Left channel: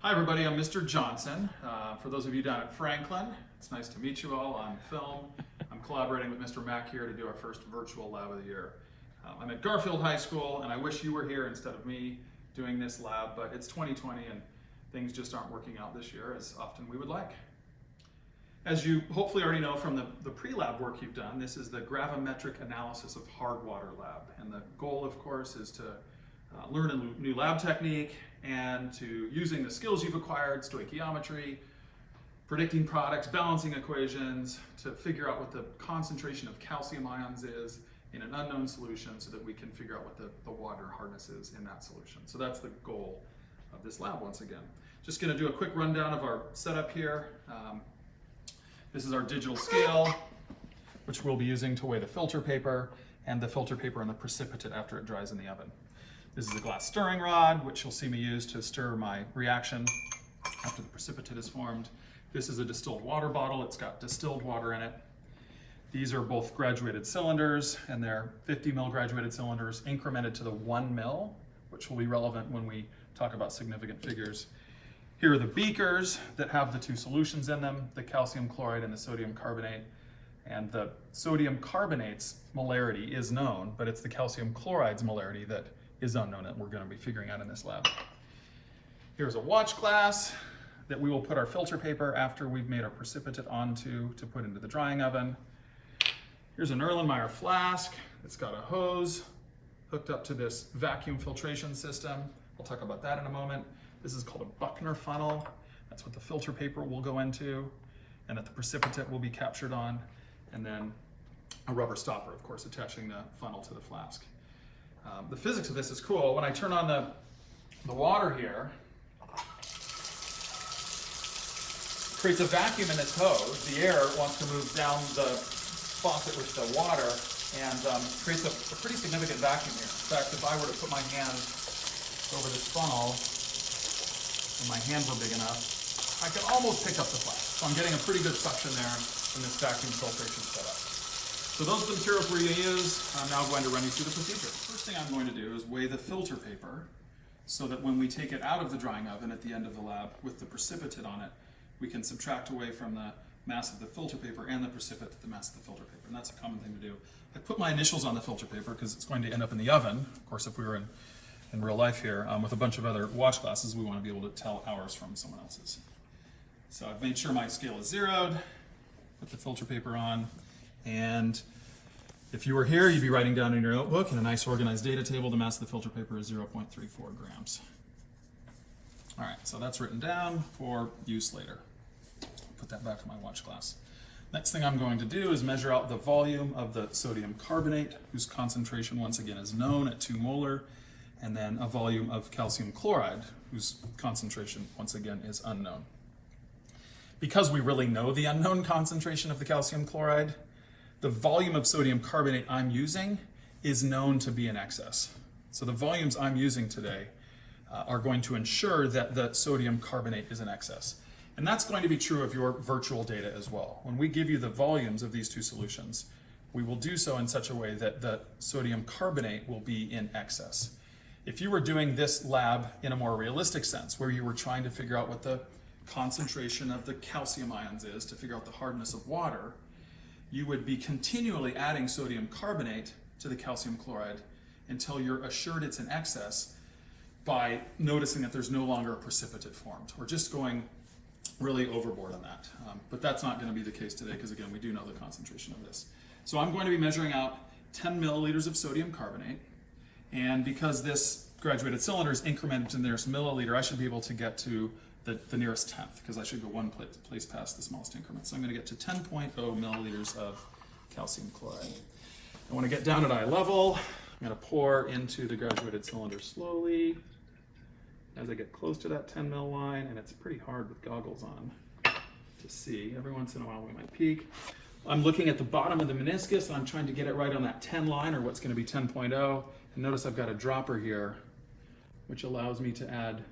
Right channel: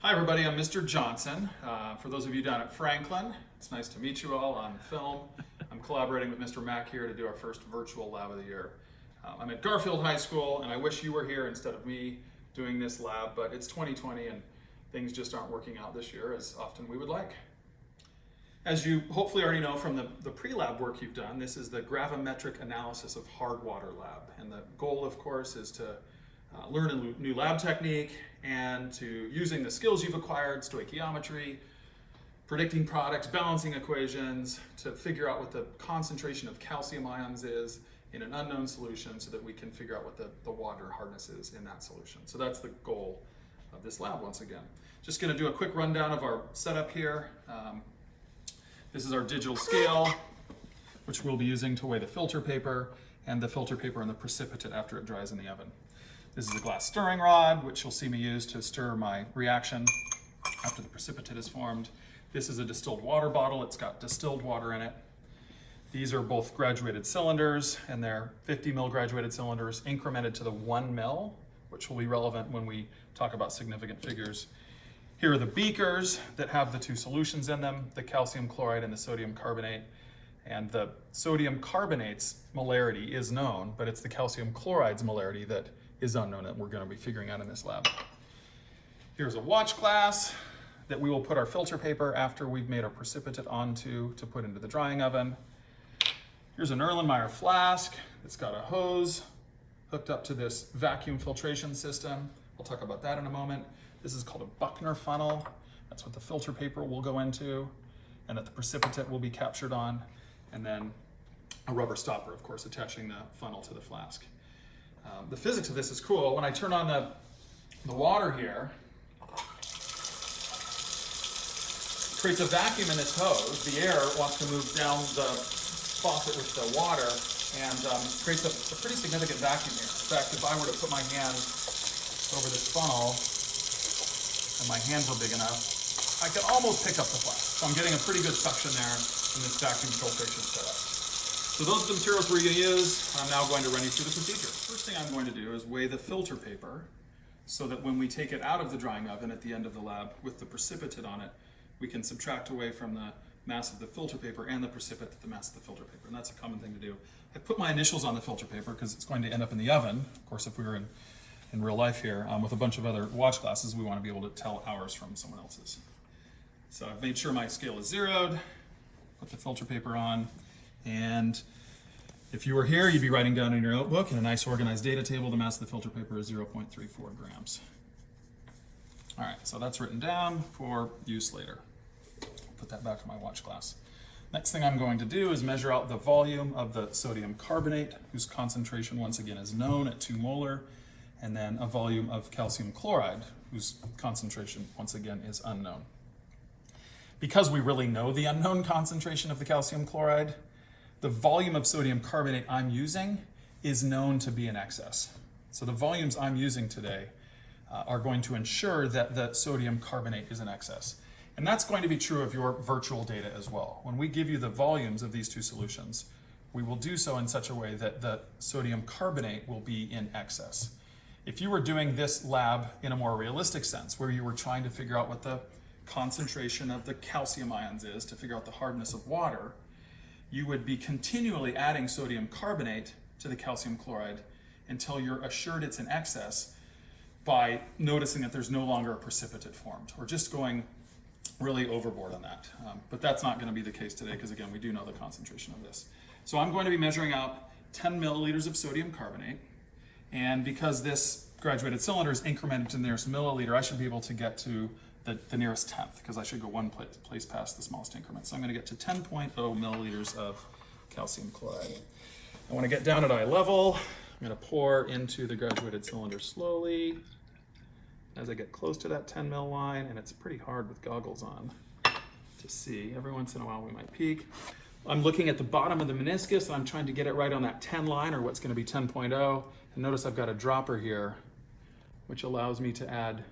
Hi everybody, I'm Mr. Johnson. For those of you down at Franklin, it's nice to meet you all on film. I'm collaborating with Mr. Mack here to do our first virtual lab of the year. I'm at Garfield High School and I wish you were here instead of me doing this lab, but it's 2020 and things just aren't working out this year as often we would like. As you hopefully already know from the pre-lab work you've done, this is the gravimetric analysis of hard water lab. And the goal, of course, is to learn a new lab technique and to using the skills you've acquired, stoichiometry, predicting products, balancing equations, to figure out what the concentration of calcium ions is in an unknown solution so that we can figure out what the water hardness is in that solution. So that's the goal of this lab once again. Just going to do a quick rundown of our setup here. This is our digital scale, which we'll be using to weigh the filter paper and the filter paper and the precipitate after it dries in the oven. This is a glass stirring rod, which you'll see me use to stir my reaction after the precipitate is formed. This is a distilled water bottle. It's got distilled water in it. These are both graduated cylinders, and they're 50 mil graduated cylinders incremented to the 1 mil, which will be relevant when we talk about significant figures. Here are the beakers that have the two solutions in them, the calcium chloride and the sodium carbonate. And the sodium carbonate's molarity is known, but it's the calcium chloride's molarity that is unknown that we're going to be figuring out in this lab. Here's a watch glass that we will put our filter paper after we've made our precipitate onto to put into the drying oven. Here's an Erlenmeyer flask. It's got a hose hooked up to this vacuum filtration system. We'll talk about that in a moment. This is called a Buckner funnel. That's what the filter paper will go into and that the precipitate will be captured on. And then a rubber stopper, of course, attaching the funnel to the flask. The physics of this is cool. When I turn on the water here, it creates a vacuum in this hose. The air wants to move down the faucet with the water and creates a pretty significant vacuum here. In fact, if I were to put my hand over this funnel and my hands were big enough, I could almost pick up the flask. So I'm getting a pretty good suction there in this vacuum filtration setup. So those are the materials we're going to use. I'm now going to run you through the procedure. First thing I'm going to do is weigh the filter paper so that when we take it out of the drying oven at the end of the lab with the precipitate on it, we can subtract away from the mass of the filter paper and the precipitate the mass of the filter paper. And that's a common thing to do. I put my initials on the filter paper because it's going to end up in the oven. Of course, if we were in real life here with a bunch of other watch glasses, we want to be able to tell ours from someone else's. So I've made sure my scale is zeroed, put the filter paper on, and if you were here, you'd be writing down in your notebook in a nice organized data table, the mass of the filter paper is 0.34 grams. All right, so that's written down for use later. Put that back in my watch glass. Next thing I'm going to do is measure out the volume of the sodium carbonate, whose concentration once again is known at 2 molar, and then a volume of calcium chloride, whose concentration once again is unknown. Because we really know the unknown concentration of the calcium chloride, the volume of sodium carbonate I'm using is known to be in excess. So the volumes I'm using today are going to ensure that the sodium carbonate is in excess. And that's going to be true of your virtual data as well. When we give you the volumes of these two solutions, we will do so in such a way that the sodium carbonate will be in excess. If you were doing this lab in a more realistic sense, where you were trying to figure out what the concentration of the calcium ions is to figure out the hardness of water, you would be continually adding sodium carbonate to the calcium chloride until you're assured it's in excess by noticing that there's no longer a precipitate formed, or just going really overboard on that. But that's not going to be the case today because, again, we do know the concentration of this. So I'm going to be measuring out 10 milliliters of sodium carbonate, and because this graduated cylinder is incremented to the nearest milliliter, I should be able to get to the nearest tenth, because I should go one place past the smallest increment. So I'm going to get to 10.0 milliliters of calcium chloride. I want to get down at eye level. I'm going to pour into the graduated cylinder slowly as I get close to that 10 mil line, and it's pretty hard with goggles on to see. Every once in a while we might peek. I'm looking at the bottom of the meniscus, and I'm trying to get it right on that 10 line, or what's going to be 10.0. And notice I've got a dropper here, which allows me to add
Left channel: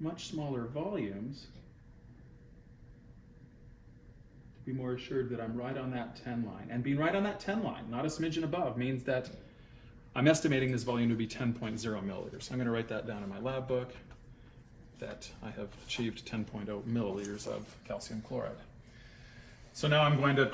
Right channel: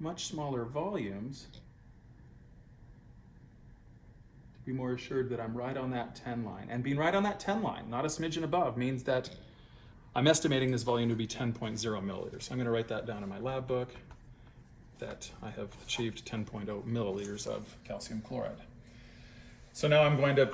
much smaller volumes to be more assured that I'm right on that 10 line. And being right on that 10 line, not a smidgen above, means that I'm estimating this volume to be 10.0 milliliters. So I'm going to write that down in my lab book. that I have achieved 10.0 milliliters of calcium chloride. So now I'm going to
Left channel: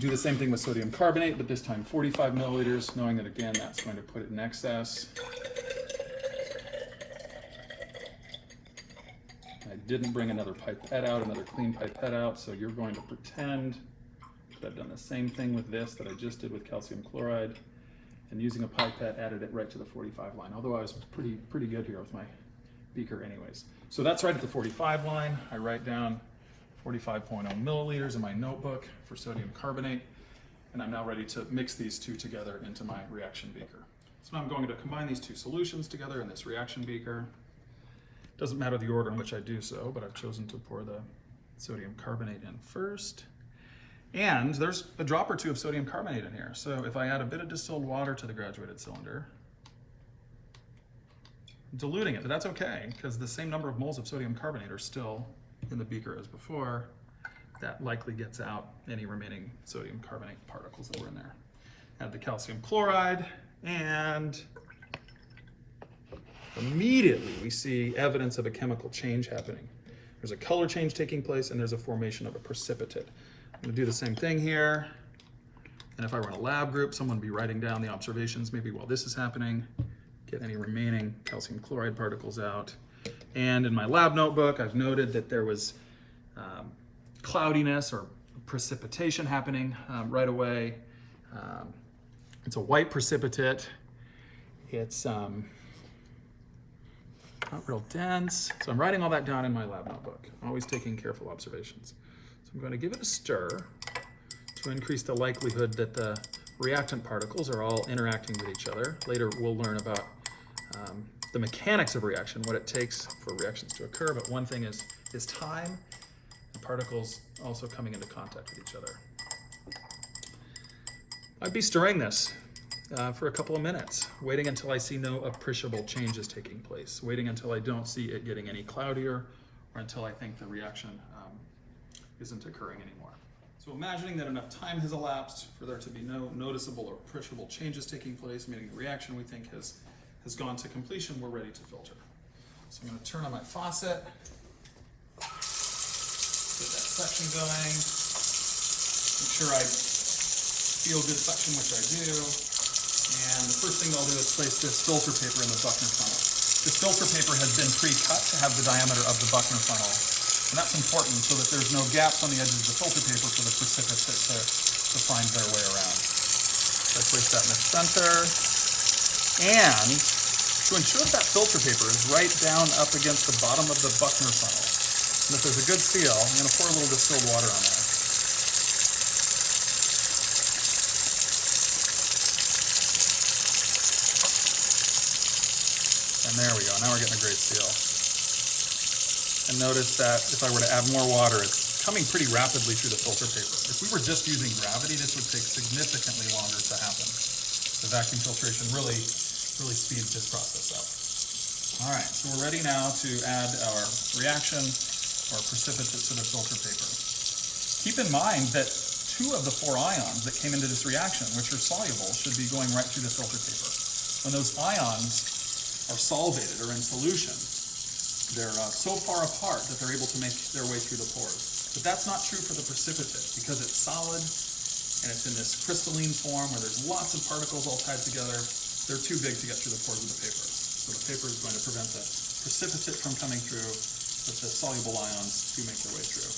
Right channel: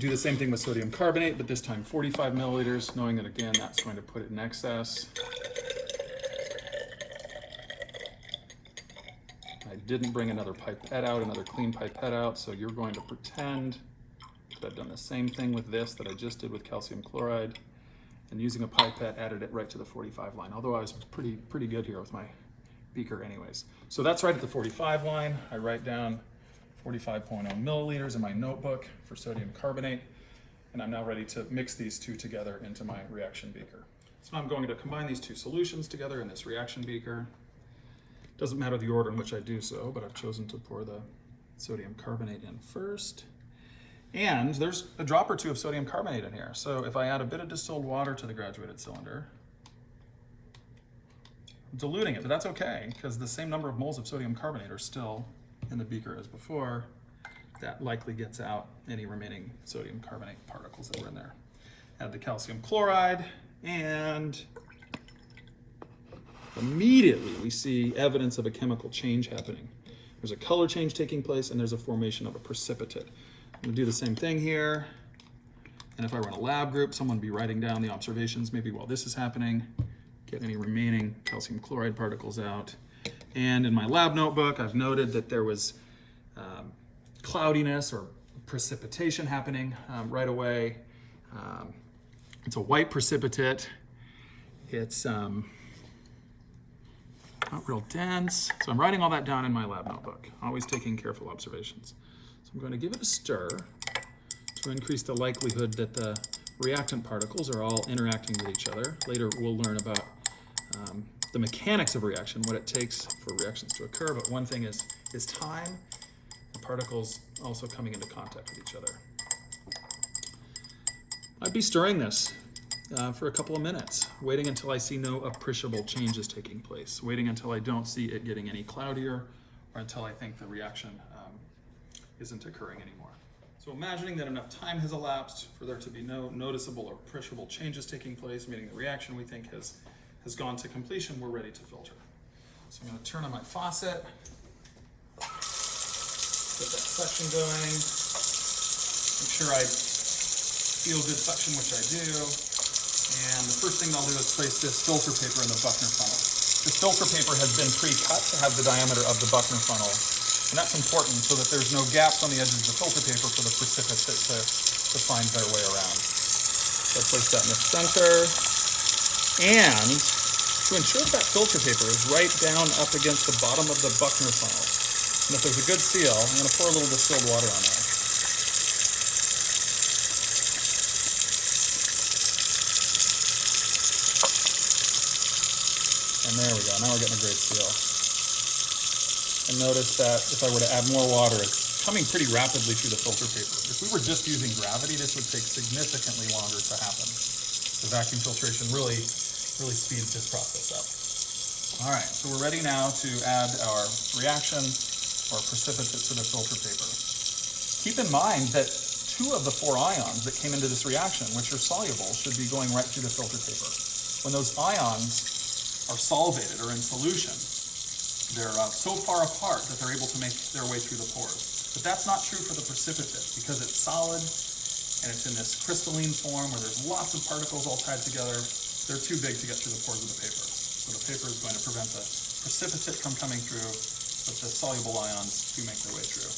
do the same thing with sodium carbonate, but this time 45 milliliters, knowing that again, that's going to put it in excess. I didn't bring another pipette out, another clean pipette out, so you're going to pretend that I've done the same thing with this that I just did with calcium chloride, and using a pipette added it right to the 45 line, although I was pretty good here with my beaker anyways. So that's right at the 45 line. I write down 45.0 milliliters in my notebook for sodium carbonate, and I'm now ready to mix these two together into my reaction beaker. So now I'm going to combine these two solutions together in this reaction beaker. Doesn't matter the order in which I do so, but I've chosen to pour the sodium carbonate in first. And there's a drop or two of sodium carbonate in here. So if I add a bit of distilled water to the graduated cylinder, I'm diluting it, but that's okay, because the same number of moles of sodium carbonate are still in the beaker as before. That likely gets out any remaining sodium carbonate particles that were in there. Add the calcium chloride, and immediately we see evidence of a chemical change happening. There's a color change taking place, and there's a formation of a precipitate. I'm going to do the same thing here. And if I were in a lab group, someone would be writing down the observations maybe while this is happening, get any remaining calcium chloride particles out. And in my lab notebook, I've noted that there was cloudiness or precipitation happening right away. It's a white precipitate. It's not real dense. So I'm writing all that down in my lab notebook, always taking careful observations. So I'm going to give it a stir to increase the likelihood that the reactant particles are all interacting with each other. Later we'll learn about the mechanics of reaction, what it takes for reactions to occur, but one thing is time, and particles also coming into contact with each other. I'd be stirring this for a couple of minutes, waiting until I see no appreciable changes taking place, waiting until I don't see it getting any cloudier, or until I think the reaction isn't occurring anymore. So imagining that enough time has elapsed for there to be no noticeable or appreciable changes taking place, meaning the reaction we think has gone to completion, we're ready to filter. So I'm going to turn on my faucet, get that suction going, make sure I feel good suction, which I do, and the first thing I'll do is place this filter paper in the Buckner funnel. This filter paper has been pre-cut to have the diameter of the Buckner funnel, and that's important so that there's no gaps on the edges of the filter paper for the precipitate to find their way around. So I place that in the center, and to ensure that filter paper is right down up against the bottom of the Buckner funnel, and if there's a good seal, I'm going to pour a little distilled water on there. And there we go, now we're getting a great seal. And notice that if I were to add more water, it's coming pretty rapidly through the filter paper. If we were just using gravity, this would take significantly longer to happen. The vacuum filtration really speeds this process up. All right, so we're ready now to add our reaction or precipitate to the filter paper. Keep in mind that 2 of the 4 ions that came into this reaction, which are soluble, should be going right through the filter paper. When those ions are solvated or in solution, they're so far apart that they're able to make their way through the pores. But that's not true for the precipitate, because it's solid and it's in this crystalline form where there's lots of particles all tied together. They're too big to get through the pores of the paper. So the paper is going to prevent the precipitate from coming through, but the soluble ions do make their way through.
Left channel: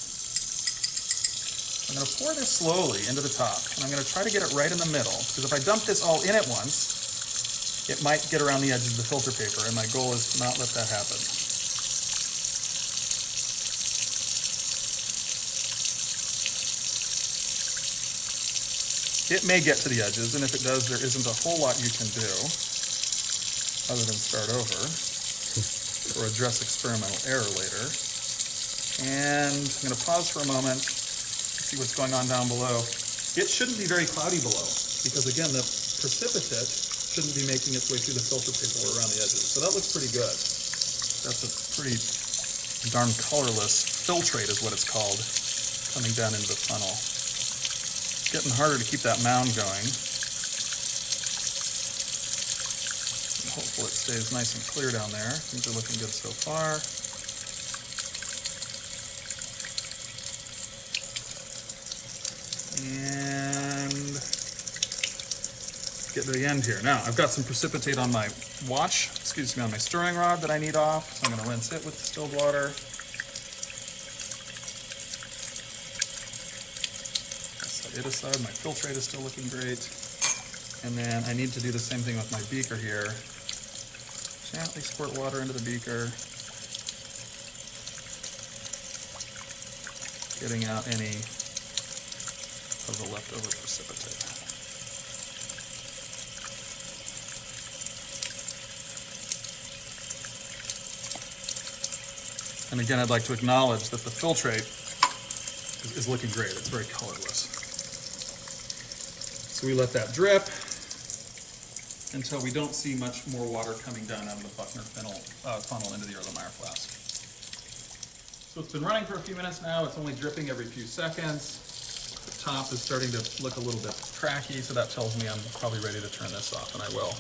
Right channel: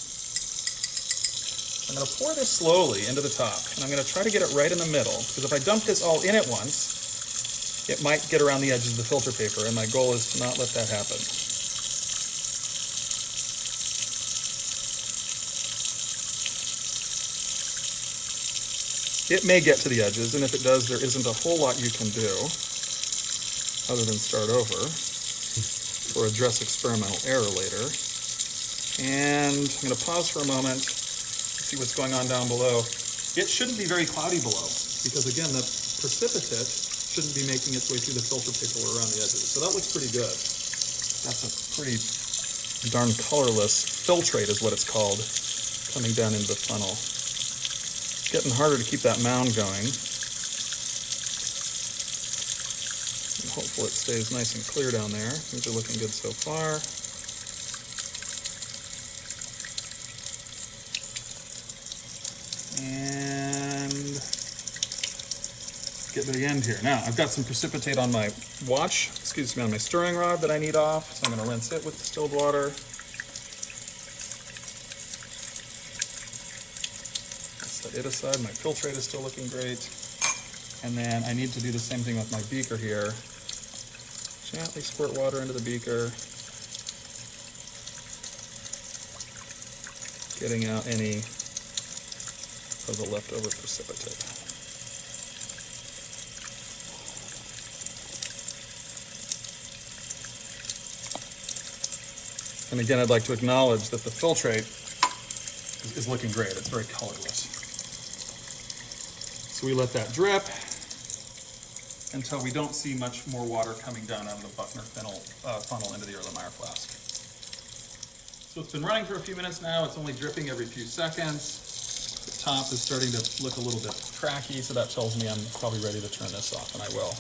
I'm going to pour this slowly into the top, and I'm going to try to get it right in the middle, because if I dump this all in at once, it might get around the edges of the filter paper, and my goal is to not let that happen. It may get to the edges, and if it does, there isn't a whole lot you can do other than start over or address experimental error later. And I'm going to pause for a moment, see what's going on down below. It shouldn't be very cloudy below, because again, the precipitate shouldn't be making its way through the filter paper or around the edges. So that looks pretty good. That's a pretty darn colorless filtrate is what it's called, coming down into the funnel. Getting harder to keep that mound going. Hopefully it stays nice and clear down there. Things are looking good so far. And get to the end here. Now, I've got some precipitate on my on my stirring rod that I need off. So I'm going to rinse it with distilled water. Set it aside. My filtrate is still looking great. And then I need to do the same thing with my beaker here. Gently squirt water into the beaker. Getting out any of the leftover precipitate. And again, I'd like to acknowledge that the filtrate is looking great. It's very colorless. So we let that drip until we don't see much more water coming down out of the Buckner funnel into the Erlenmeyer flask. So it's been running for a few minutes now. It's only dripping every few seconds. The top is starting to look a little bit cracky, so that tells me I'm probably ready to turn this off, and I will.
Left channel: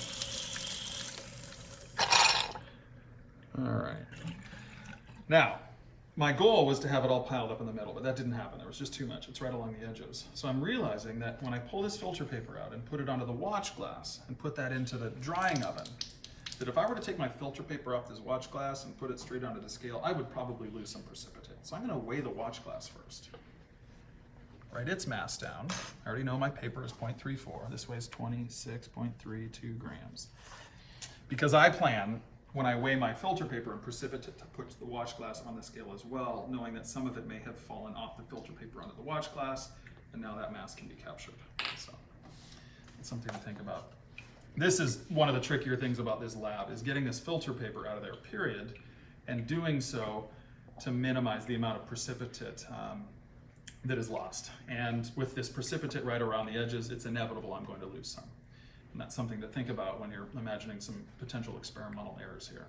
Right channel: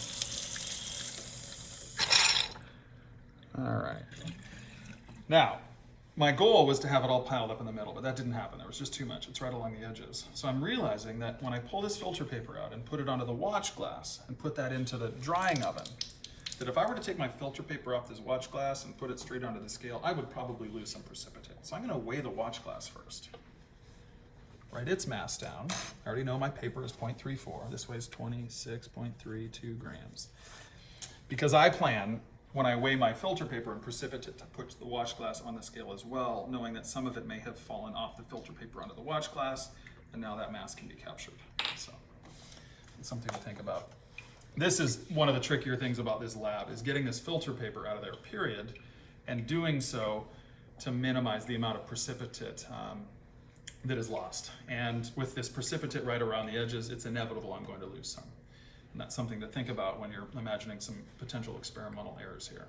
All right. Now, my goal was to have it all piled up in the middle, but that didn't happen. There was just too much. It's right along the edges. So I'm realizing that when I pull this filter paper out and put it onto the watch glass and put that into the drying oven, that if I were to take my filter paper off this watch glass and put it straight onto the scale, I would probably lose some precipitate. So I'm going to weigh the watch glass first. Write its mass down. I already know my paper is 0.34. This weighs 26.32 grams. Because I plan, when I weigh my filter paper and precipitate, to put the watch glass on the scale as well, knowing that some of it may have fallen off the filter paper onto the watch glass, and now that mass can be captured. So it's something to think about. This is one of the trickier things about this lab, is getting this filter paper out of there, period, and doing so to minimize the amount of precipitate that is lost. And with this precipitate right around the edges, it's inevitable I'm going to lose some. And that's something to think about when you're imagining some potential experimental errors here.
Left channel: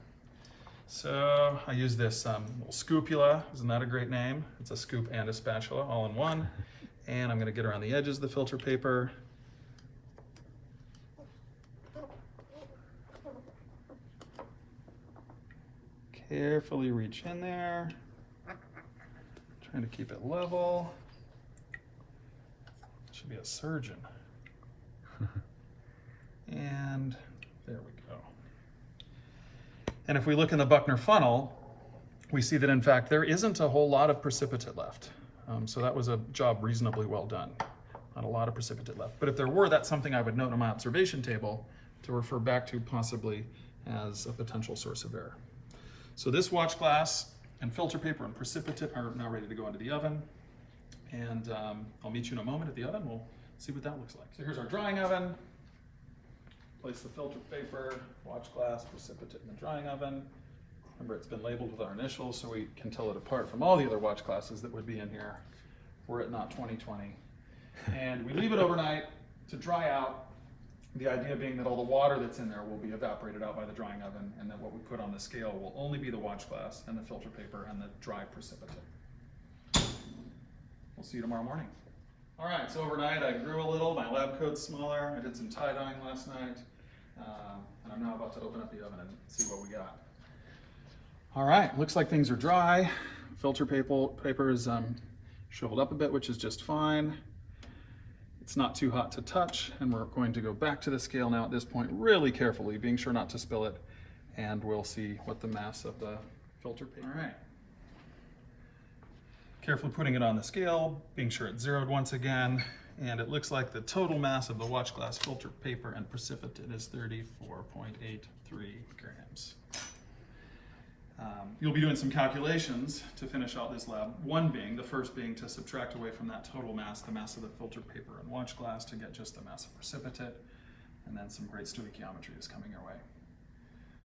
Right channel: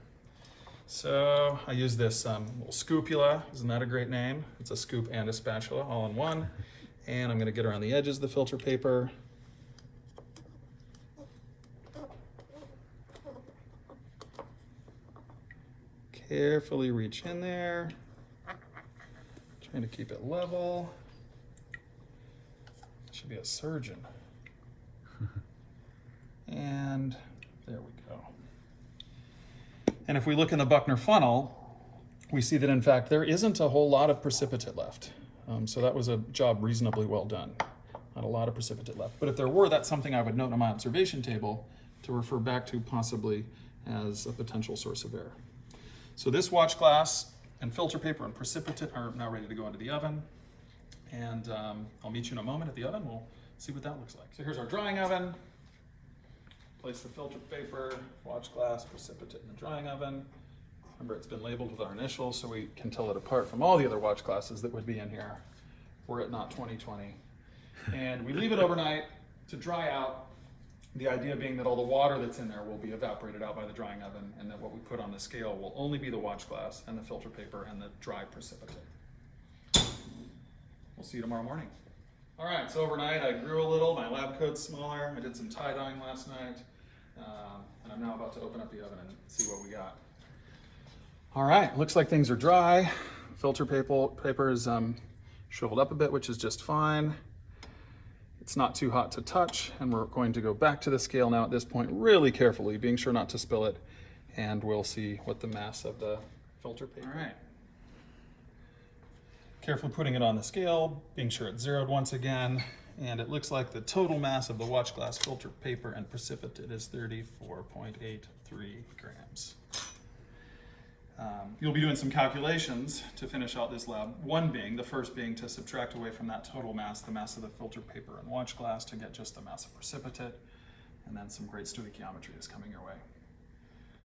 So I use this little scoopula. Isn't that a great name? It's a scoop and a spatula all in one. And I'm going to get around the edges of the filter paper. Carefully reach in there. Trying to keep it level. Should be a surgeon. And there we go. And if we look in the Buckner funnel, we see that in fact there isn't a whole lot of precipitate left. So that was a job reasonably well done. Not a lot of precipitate left. But if there were, that's something I would note on my observation table to refer back to possibly as a potential source of error. So this watch glass and filter paper and precipitate are now ready to go into the oven. And I'll meet you in a moment at the oven. We'll see what that looks like. So here's our drying oven. Place the filter paper, watch glass, precipitate in the drying oven. Remember, it's been labeled with our initials so we can tell it apart from all the other watch glasses that would be in here were it not 2020. And we leave it overnight to dry out. The idea being that all the water that's in there will be evaporated out by the drying oven, and that what we put on the scale will only be the watch glass and the filter paper and the dry precipitate. We'll see you tomorrow morning. All right, so overnight I grew a little, my lab coat's smaller, I did some tie dyeing last night, and I'm now about to open up the oven and see what we got. All right, looks like things are dry. Filter paper is shriveled up a bit, which is just fine. It's not too hot to touch, and we're going to go back to the scale now at this point really carefully, being sure not to spill it, and we'll see what the mass of the filter paper. All right. Carefully putting it on the scale, being sure it's zeroed once again, and it looks like the total mass of the watch glass, filter paper, and precipitate is 34.83 grams. You'll be doing some calculations to finish out this lab. The first being to subtract away from that total mass, the mass of the filter paper and watch glass to get just the mass of precipitate, and then some great stoichiometry is coming your way.